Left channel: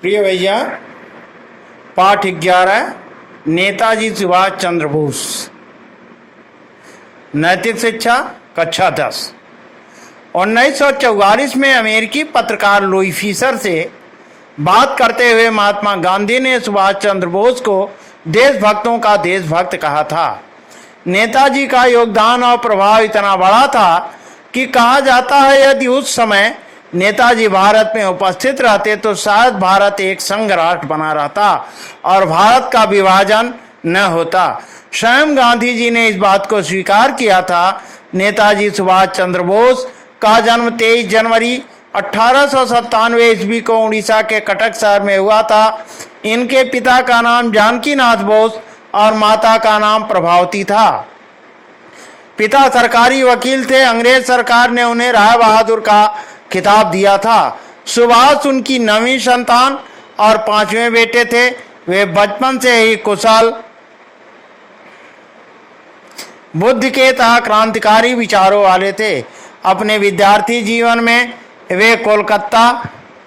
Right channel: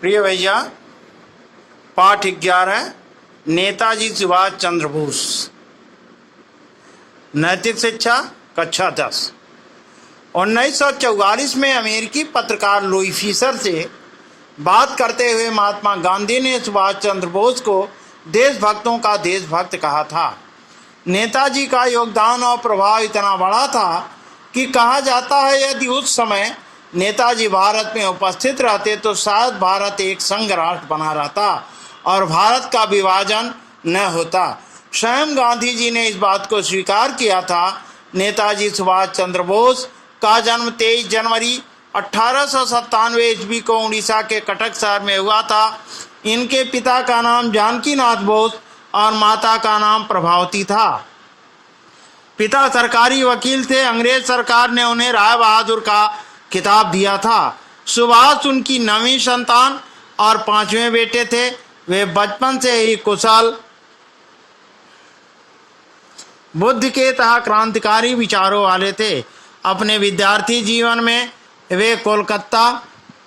प्रिय भैया, पाठ 11 नेताजी सुभाष चंद्र बोस। नैतिक शिक्षा कक्षा 10। 1944 में अमेरिकी पत्रकार लुई फिशर से बात करते हुए महात्मा गांधी ने सुभाष चंद्र बोस को देशभक्तों का देशभक्त कहा था। नेताजी का योगदान और प्रभाव इतना बड़ा था कि कहा जाता है यदि उस समय नेताजी भारत में उपस्थित रहते तो शायद भारत एक संघ राष्ट्र बना रहता और भारत का विभाजन न होता। स्वयं गांधी जी ने इस बात को स्वीकार किया था। नेताजी सुभाष चंद्र बोस का जन्म 23 जनवरी 1897 ईस्वी को उड़ीसा के कटक शहर में हुआ था। इनके पिता का नाम जानकीनाथ बोस और माता का नाम प्रभावती था। पिता सरकारी वकील थे। अंग्रेज सरकार ने उन्हें राय बहादुर का खिताब दिया था। सुभाष उनकी 9वीं संतान और 5वें बेटे थे। वे बचपन से ही कुशल, बुद्धि के तथा क्रांतिकारी विचारों वाले थे। अपने विद्यार्थी जीवन में वे कोलकाता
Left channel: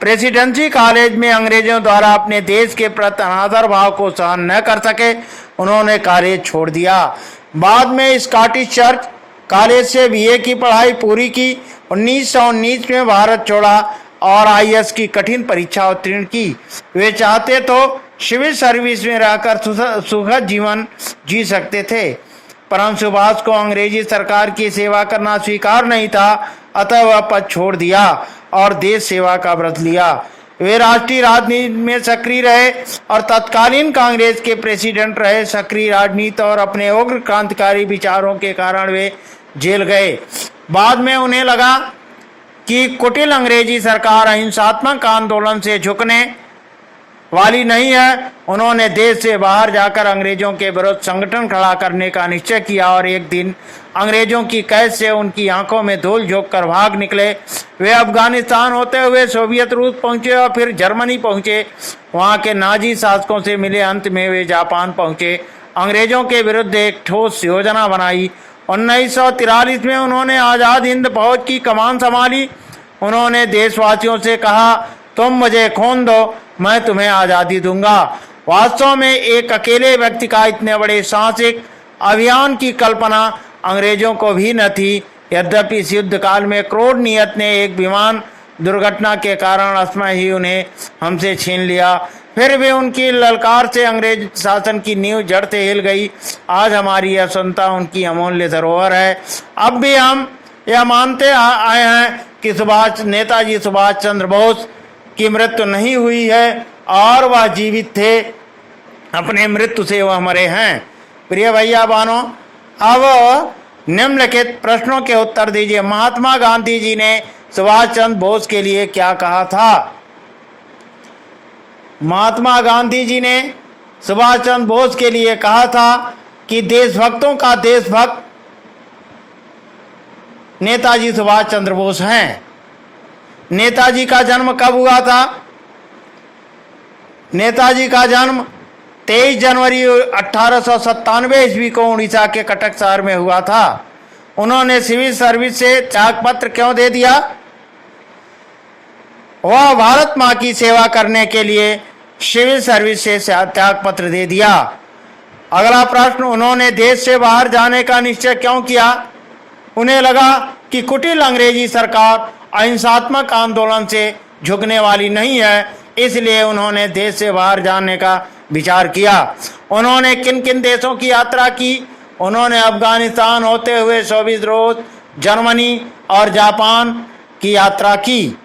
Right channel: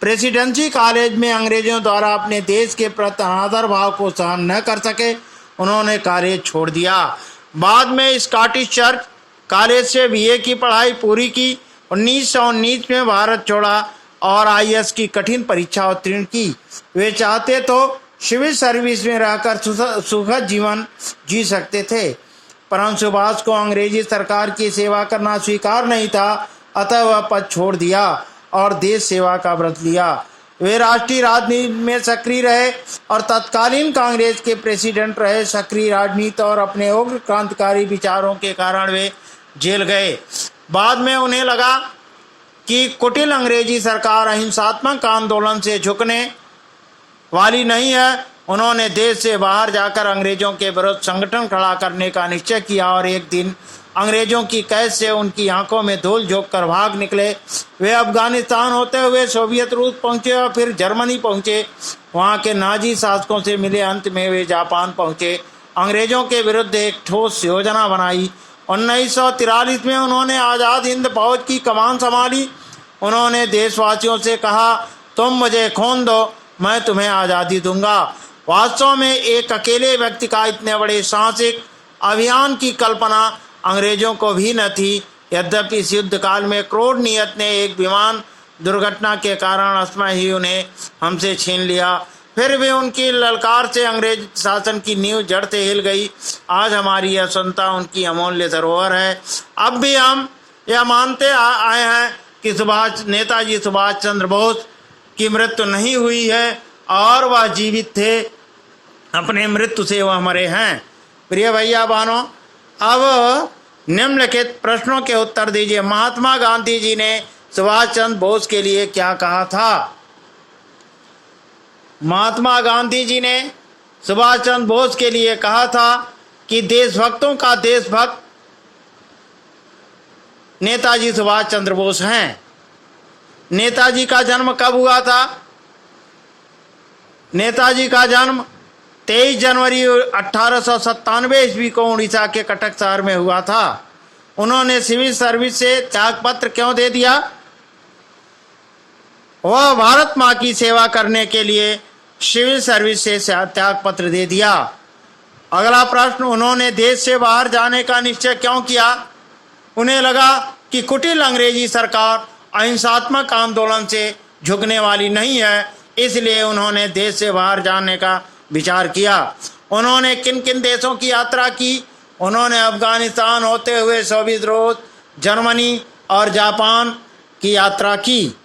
प्रेसिडेंसी कॉलेज में अंग्रेजों द्वारा अपने देश के प्रति अनादर भाव को सहन न कर सके उन्होंने कॉलेज छोड़ दिया। बाद में स्कॉटिश चर्च कॉलेज से बीए की पढ़ाई पूरी की। 1919 में भारत छोड़ा और आईएएस की कठिन परीक्षा उत्तीर्ण की। वे चाहते तो सिविल सर्विस में रहकर सुखद जीवन जी सकते थे, परंतु सुभाष को अंग्रेजी सरकार की सेवा करना स्वीकार नहीं था, अतः वह पद छोड़ दिया और देश सेवा का व्रत लिया। वे राष्ट्रीय राजनीति में सक्रिय रहे और तत्कालीन कांग्रेस के प्रेसिडेंट रहे। सक्रिय राजनीति और अपने उग्र क्रांतिकारी विचारों के कारण वे जेल गए। बाद में उन्हें लगा कि कुटिल अंग्रेजी सरकार अहिंसात्मक आंदोलन से झुकने वाली नहीं है। उन्होंने देश से बाहर जाकर अंग्रेजों के विरुद्ध संगठन खड़ा करने का निश्चय किया और एक दिन अंग्रेजों की कैद से उनकी आंखों में धूल झोंक कर भाग निकले। वे अफगानिस्तान होते हुए सोवियत रूस पहुंचे और फिर जर्मनी पहुंचे। वहां के नाजी शासकों से मिले। अंत में वे जापान पहुंचे। अंग्रेजों के विरुद्ध एक ठोस योजना बनाई। 1943 में उन्होंने आज़ाद हिंद फौज की कमान संभाली। उन्होंने देशवासियों से कहा, तुम मुझे खून दो, मैं तुम्हें आज़ादी दूंगा। वास्तव में एक अकेले व्यक्ति का इतने बड़े साहसिक अभियान की कल्पना अंग्रेजों को भी न थी। यद्यपि इस युद्ध काल में क्रोध नियत ने एक विमान दुर्घटना के कारण असमय ही उन्हें हमसे छीन लिया। फिर भी उनकी ललकार से अंग्रेज शासन की नींव जड़ से हिल गई। आज हमारी यह स्वतंत्रता उनकी अमूल्य धरोहर है। अब भी हम यह मानते आए हैं कि नेताजी सुभाष चंद्र बोस की मृत्यु नहीं हुई है और वह जीवित थे। अपने मृत्यु से वह मरे हैं। प्रिय भैया बहनों, अब निम्नलिखित प्रश्नों के उत्तर दीजिए। महात्मा गांधी जी ने सुभाष चंद्र बोस के लिए क्या कहा था? महात्मा गांधी जी ने सुभाष चंद्र बोस के लिए कहा था कि देशभक्तों का देशभक्त नेताजी सुभाष चंद्र बोस हैं। नेताजी का जन्म कब हुआ था? नेताजी का जन्म 23 जनवरी 1897 ईस्वी को उड़ीसा के कटक शहर में हुआ था। उन्होंने सिविल सर्विस से त्यागपत्र क्यों दे दिया? वह भारत मां की सेवा करने के लिए सिविल सर्विस से त्यागपत्र दे दिया। अगला प्रश्न, उन्होंने देश से बाहर जाने का निश्चय क्यों किया? उन्हें लगा कि कुटिल अंग्रेजी सरकार अहिंसात्मक आंदोलन से झुकने वाली नहीं है, इसलिए उन्होंने देश से बाहर जाने का विचार किया। उन्होंने किन किन देशों की यात्रा की? उन्होंने अफगानिस्तान होते हुए सोवियत रूस, जर्मनी और जापान की यात्रा की।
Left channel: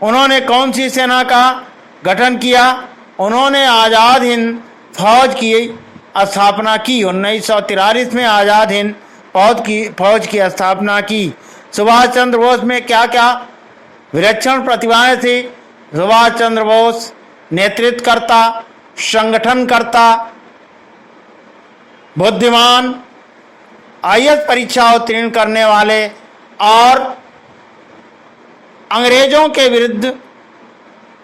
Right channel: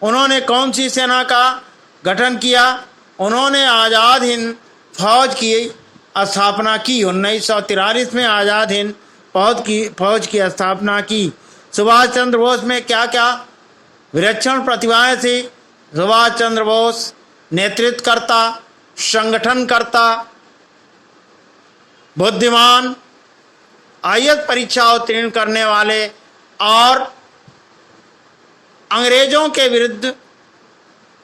उन्होंने कौन सी सेना का गठन किया? उन्होंने आज़ाद हिंद फौज की स्थापना की। 1943 में आज़ाद हिंद फौज की स्थापना की। सुभाष चंद्र बोस में क्या क्या विलक्षण प्रतिभाएं थी? सुभाष चंद्र बोस नेतृत्वकर्ता, संगठनकर्ता, बुद्धिमान, आईएएस परीक्षा उत्तीर्ण करने वाले और अंग्रेजों के विरुद्ध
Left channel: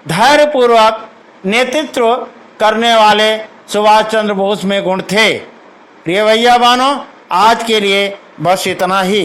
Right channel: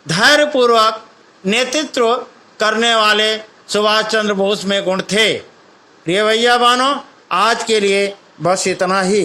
धैर्यपूर्वक नेतृत्व करने वाले सुभाष चंद्र बोस में गुण थे। प्रिय भैया बहनों, आज के लिए बस इतना ही।